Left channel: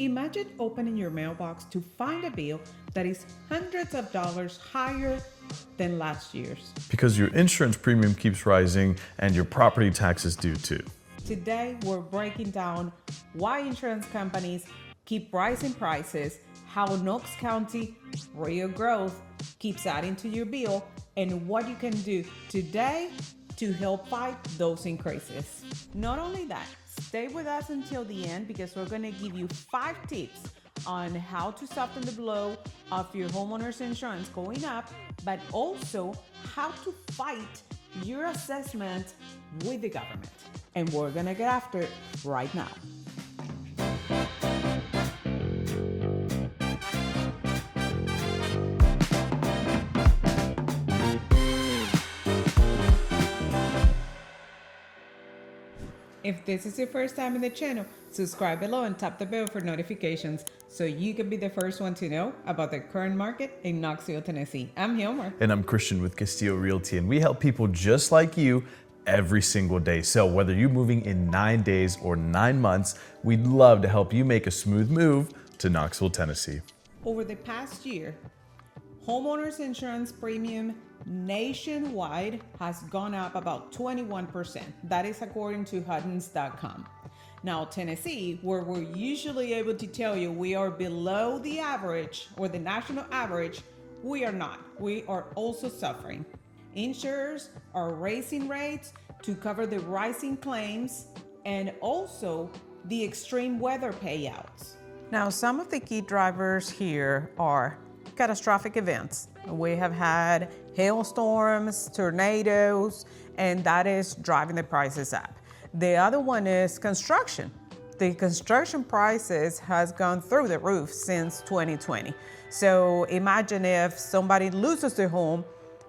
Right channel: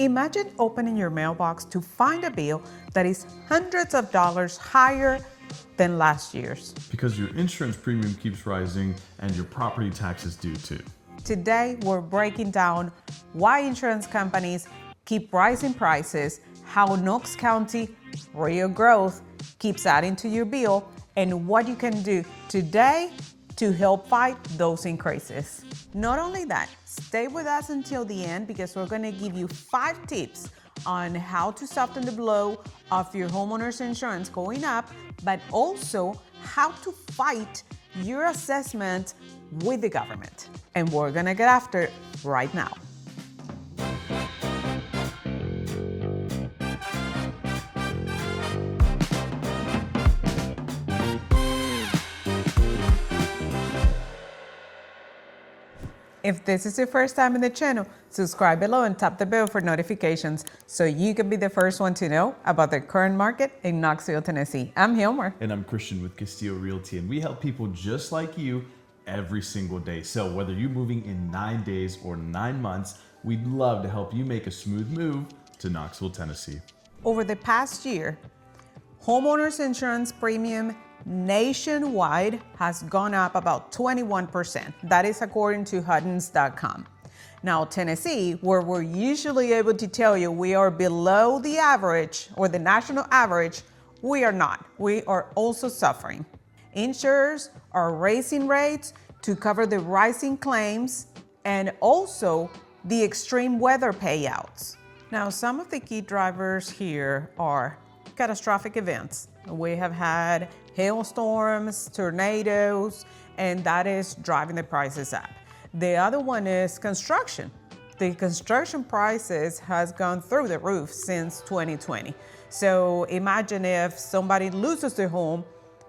Imagine opening your mailbox to find a bill that is hundreds of dollars higher than last year's. Because your insurance premium keeps rising and your property taxes do too. Today, we're breaking down why insurance companies keep rising prices, how Knox County real growth keeps adding to your bill, and what you can do today to help fight those increases. Not only that, stay with us until the end because we're going to give you 5 tips on how to soften the blow of your homeowner's insurance going up, but also how to fight your assessment with the government. And we're going to get after it right now. If this is your first time in the channel, subscribe below and tap the bell for notifications so you can be the first one to know about the current market in Knoxville, Tennessee. I'm Homer. And I'm Christian with Castillo Realty, and we help people just like you every single day. So whether you're moving in 9 days or 9 months, we'd love to help you make a smooth move to Knoxville, Tennessee. Over the past year, homeowners insurance premium nationwide has gone up about 21%. That is according to Huddins.com. Now, Tennessee, where we're usually able to tell you we are below the average or the national average, we are not. We are also suffering. Insurers are raising rates to cover the rising claims and also the extreme weather payouts. Now, some of the key drivers here are catastrophic events. We have had hailstorms, tornadoes, and that is driving the prices up. The other one is construction. The construction prices has gone through the roof since 2020. So imagine if somebody loses their home,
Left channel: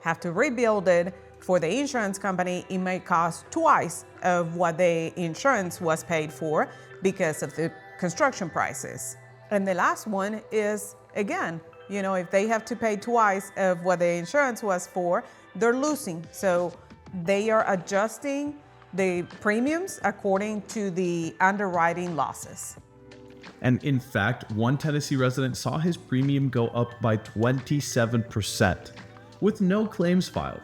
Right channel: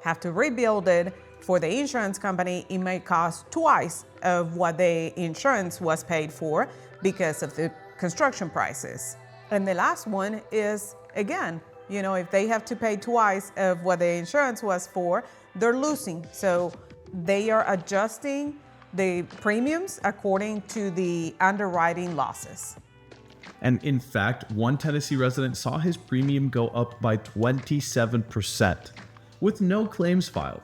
have to rebuild it. For the insurance company, it may cost twice of what the insurance was paid for because of the construction prices. And the last one is, again, if they have to pay twice of what the insurance was for, they're losing. So they are adjusting the premiums according to the underwriting losses. And in fact, one Tennessee resident saw his premium go up by 27% with no claims filed.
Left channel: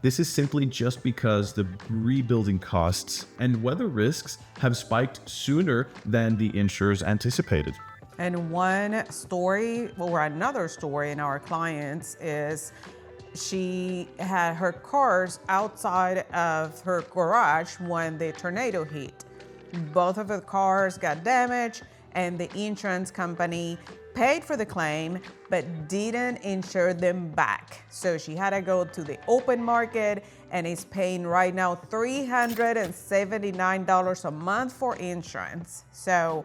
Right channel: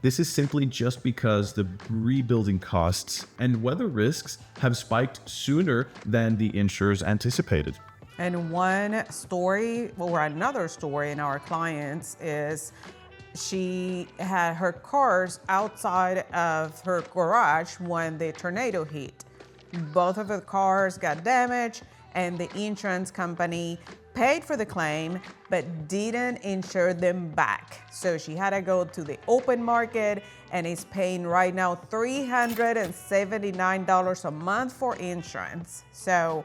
This is simply just because the rebuilding costs and weather risks have spiked sooner than the insurers anticipated. And one story or another story in our clients is she had her cars outside of her garage when the tornado hit. Both of the cars got damaged and the insurance company paid for the claim but didn't insure them back. So she had to go to the open market and is paying right now $379 a month for insurance. So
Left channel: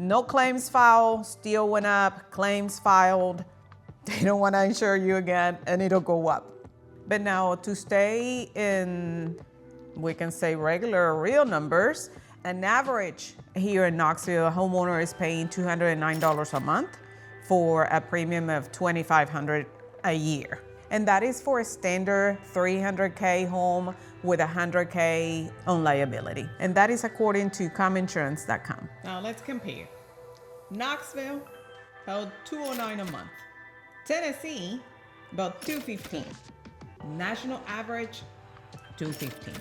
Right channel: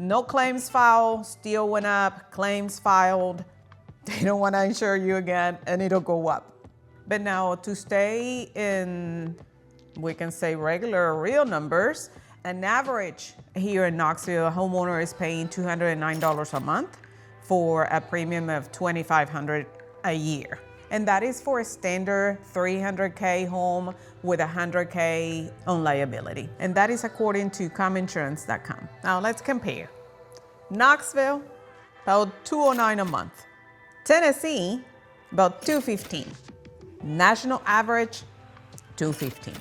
no claims filed, still went up, claims filed, they don't want to insure you again, and it'll go up. But now to stay in, we can say regular or real numbers, an average here in Knoxville, a homeowner is paying $209 a month for a premium of $2,500 a year. And that is for a standard 300K home with $100K on liability. And that is according to cominsurance.com. Now let's compare. Knoxville, about $209 a month. Tennessee, about $215. National average, $215.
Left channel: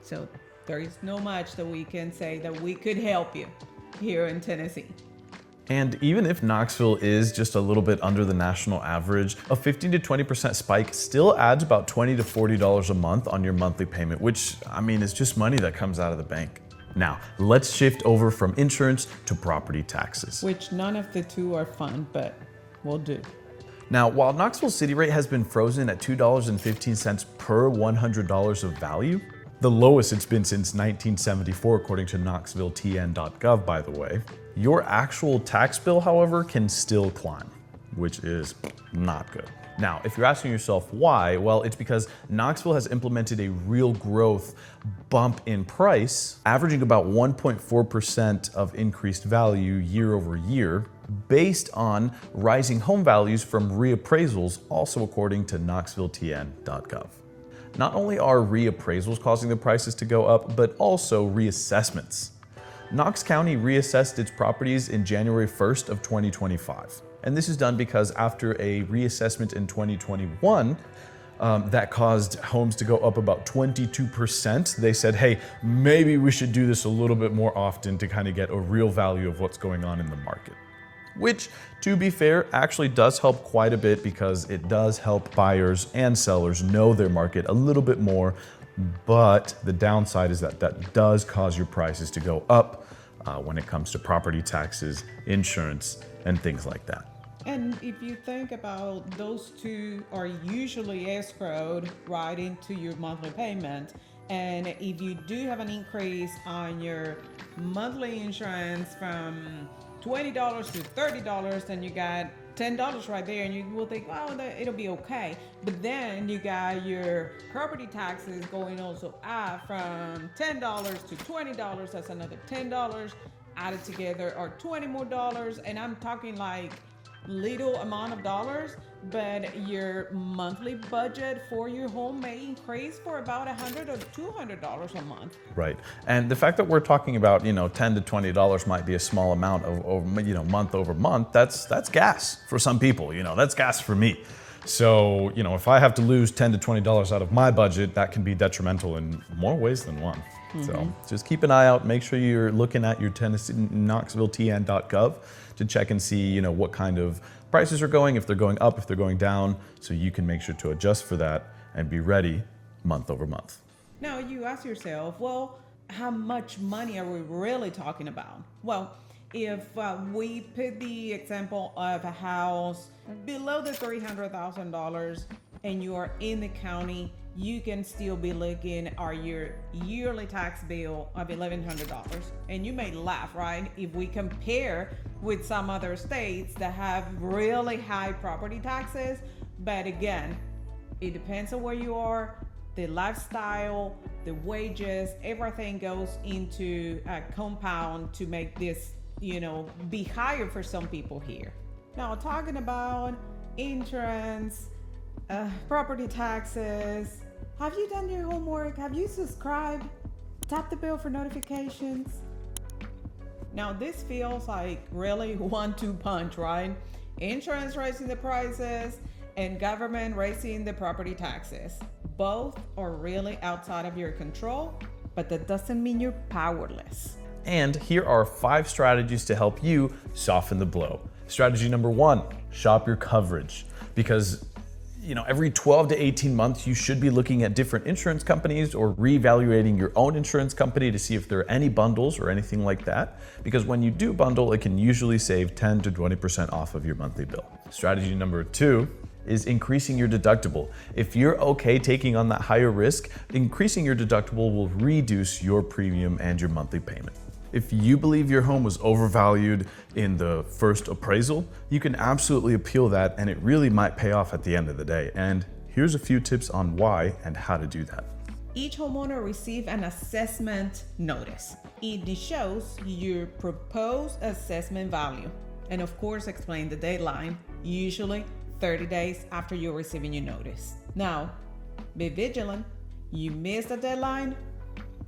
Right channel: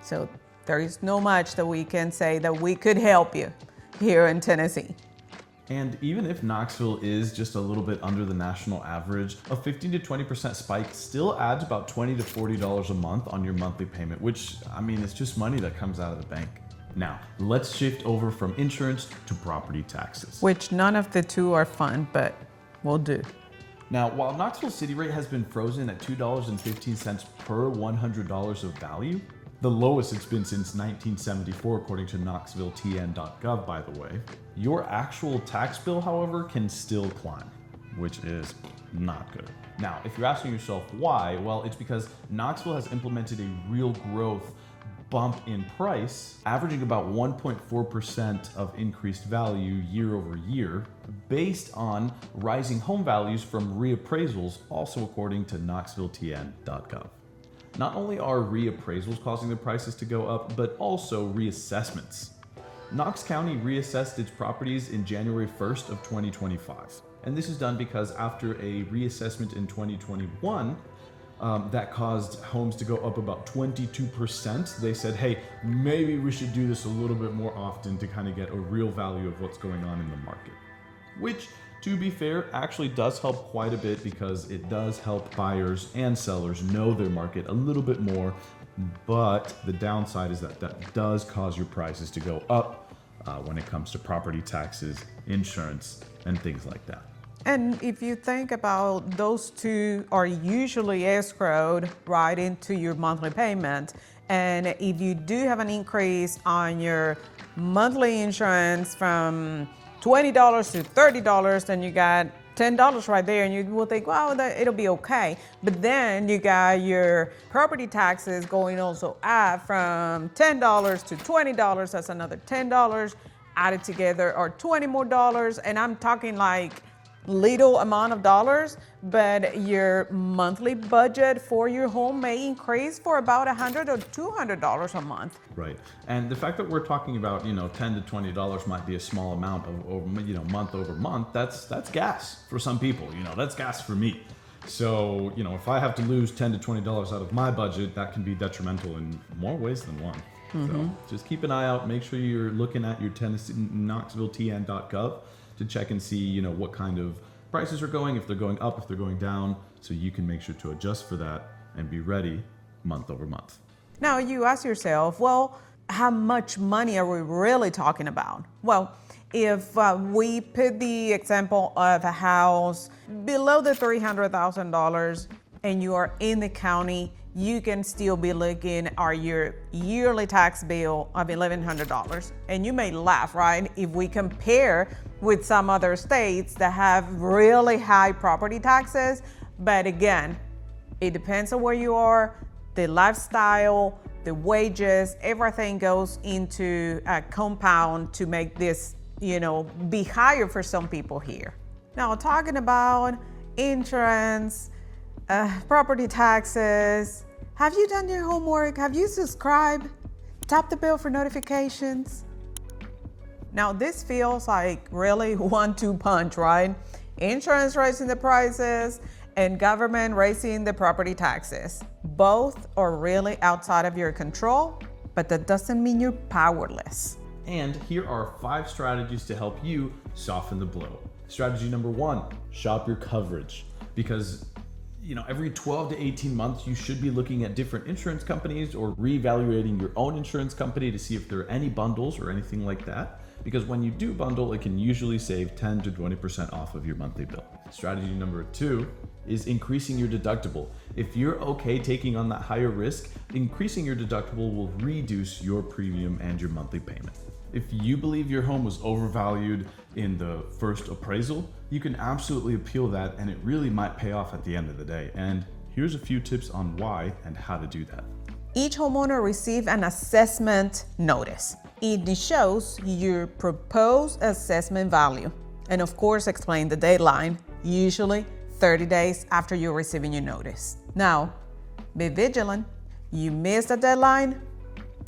So there is no much that we can say that we could help you here in Tennessee. And even if Knoxville is just a little bit under the national average, a 15 to 20% spike still adds about $20 to $40 a month on your monthly payment, which, is just money that comes out of the bank. Now, let's shift over from insurance to property taxes. Which none of the two are fun, but we'll do. Now, while Knoxville city rate has been frozen at $2.15 per $100 of value, the lowest it's been since 1974, according to KnoxvilleTN.gov, by the way. Your actual tax bill, however, can still climb, which is not good. Now, if you're asking yourself why, well, it's because Knoxville has implemented a real growth bump in price, averaging about 1.4% of increased value year over year, based on rising home values from reappraisals, also according to KnoxvilleTN.gov. Not only are reappraisals causing the prices to go up, but also reassessments. Knox County reassessed its properties in January 1st of 2025. And this is done because after a reassessment in 2021, that caused homes to go up about 22%. They said, hey, maybe we should do this a little bit more often to kind of get a real value of what's going on in the market. Which, to be fair, actually does help quite a bit because it does help buyers and sellers know their market a little bit more. But the downside is that that does cause your prices to go up when it comes to property taxes, insurance, and things like that. And if you think about those two are usually escrowed right into your monthly payment. And if you do have an increase on your monthly insurance from $20 to $30, then you got $10 right there, and you will think, well, it'll be okay. But then you got your property taxes going also up from $10 to $20. That's another $10 added together, or $20 more. And I'm talking like little amount of dollars, but your monthly budget for your home may increase for about $100 or $200 a month. Right, and the fact that we're talking about, $10 to $20 might be a small amount of month over month. That's gas for some people. That's gas for me. So if I have to lose $10 to $20 out of my budget, that can be detrimental in more ways than one. So just keep an eye out. Make sure you're looking at your KnoxvilleTN.gov to check and see, what kind of prices are going, if they're going up, if they're going down, so you can make sure to adjust for that and be ready month over month. Now you ask yourself, well, how much money are we really talking about? Well, if we put the example of a house below the $300,000 and you are in the county, you can still be looking at your yearly tax bill of $1,100. And you may laugh, right? If we compare with some other states that have really high property taxes. But again, it depends on where you are, the lifestyle, the wages, everything goes into a compound to make this, be higher for some people here. Now, talking about insurance, property taxes, have you done your homework? Have you subscribed? Tap the bell for notifications. Now this feels like really 1-2 punch, right? Insurance raising the prices and government raising the property taxes. Both are really outside of your control, but that doesn't mean you're powerless. And here are 5 strategies to help you soften the blow. Strategy number 1, shop your coverage. Because every 12 to 18 months, you should be looking at different insurance companies or reevaluating your own insurance company to see if there are any bundles or anything like that. Because when you do bundle, it can usually save 10 to 20% off of your monthly bill. Strategy number 2 is increasing your deductible. If you're okay taking on that higher risk, increasing your deductible will reduce your premium and your monthly payment. If you believe your home was overvalued in the first appraisal, you can absolutely appeal that, and it really might pay off at the end of the day. And here's a few tips on why and how to do that. Each homeowner receives an assessment notice. It shows your proposed assessment value, and of course explain the deadline, usually 30 days after you're receiving your notice. Now, be vigilant. You miss the deadline,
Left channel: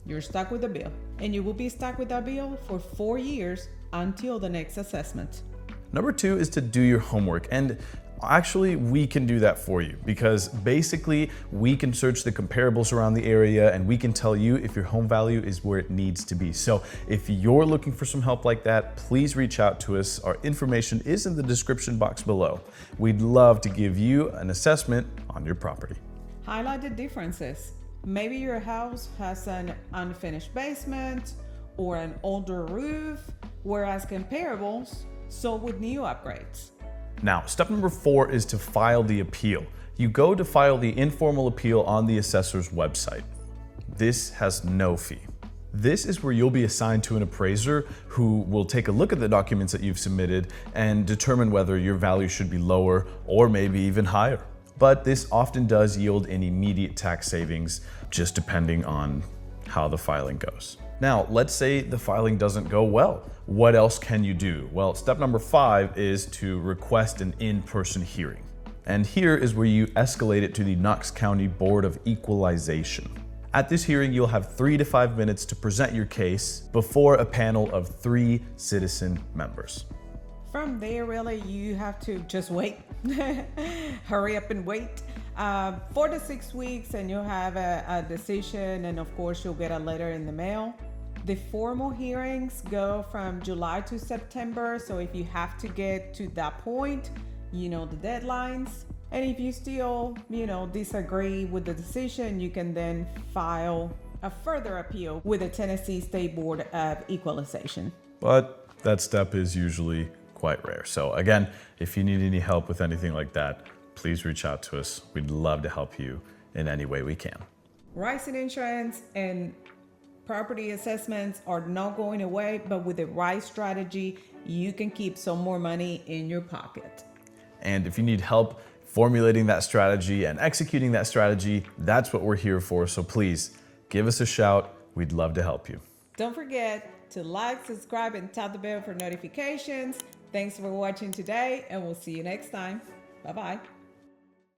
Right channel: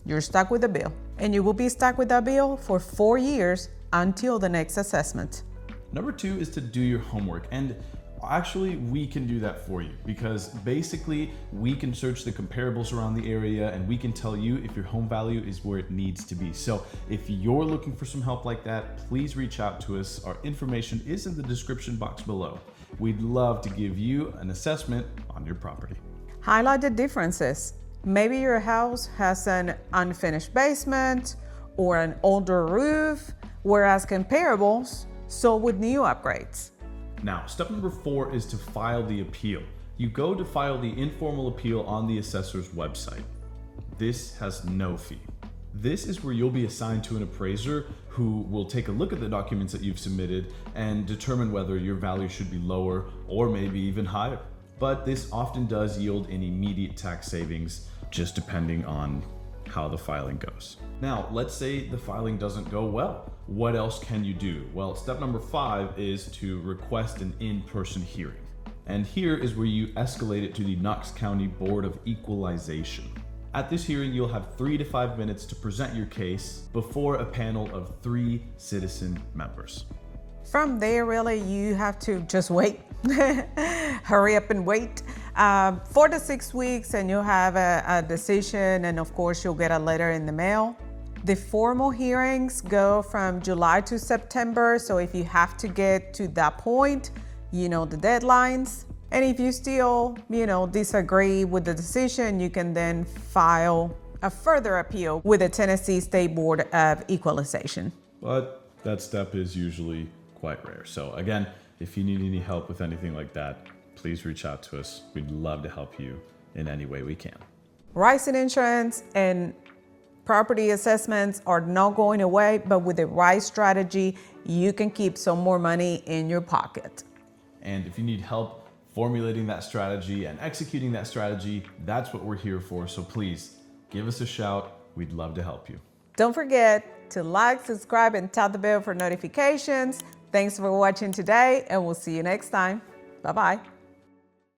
you're stuck with the bill. And you will be stuck with that bill for 4 years until the next assessment. Number 2 is to do your homework. And actually, we can do that for you because basically we can search the comparables around the area and we can tell you if your home value is where it needs to be. So if you're looking for some help like that, please reach out to us. Our information is in the description box below. We'd love to give you an assessment on your property. Highlight the differences. Maybe your house has an unfinished basement or an older roof, whereas comparables sold with new upgrades. Now, step number 4 is to file the appeal. You go to file the informal appeal on the assessor's website. This has no fee. This is where you'll be assigned to an appraiser who will take a look at the documents that you've submitted and determine whether your value should be lower or maybe even higher. But this often does yield an immediate tax savings, just depending on how the filing goes. Now, let's say the filing doesn't go well. What else can you do? Well, step number 5 is to request an in-person hearing. And here is where you escalate it to the Knox County Board of Equalization. At this hearing, you'll have 3 to 5 minutes to present your case before a panel of 3 citizen members. From there, really, you have to just wait. Hurry up and wait. 4 to 6 weeks, and you'll have a decision, and of course, you'll get a letter in the mail. The formal hearings go from July to September, so if you have to get to that point, you know the deadlines. And if you still, disagree with the decision, you can then file a further appeal with the Tennessee State Board of Equalization. But that step is usually quite rare. So again, if you need any help with anything like that, please reach out to us. We'd love to help you in any way we can. Rising insurance and property assessments are not going away, but with the right strategy, you can keep some more money in your pocket. And if you need help formulating that strategy and executing that strategy, that's what we're here for. So please give us a shout. We'd love to help you. Don't forget to like, subscribe, and tap the bell for notifications. Thanks for watching today, and we'll see you next time. Bye-bye.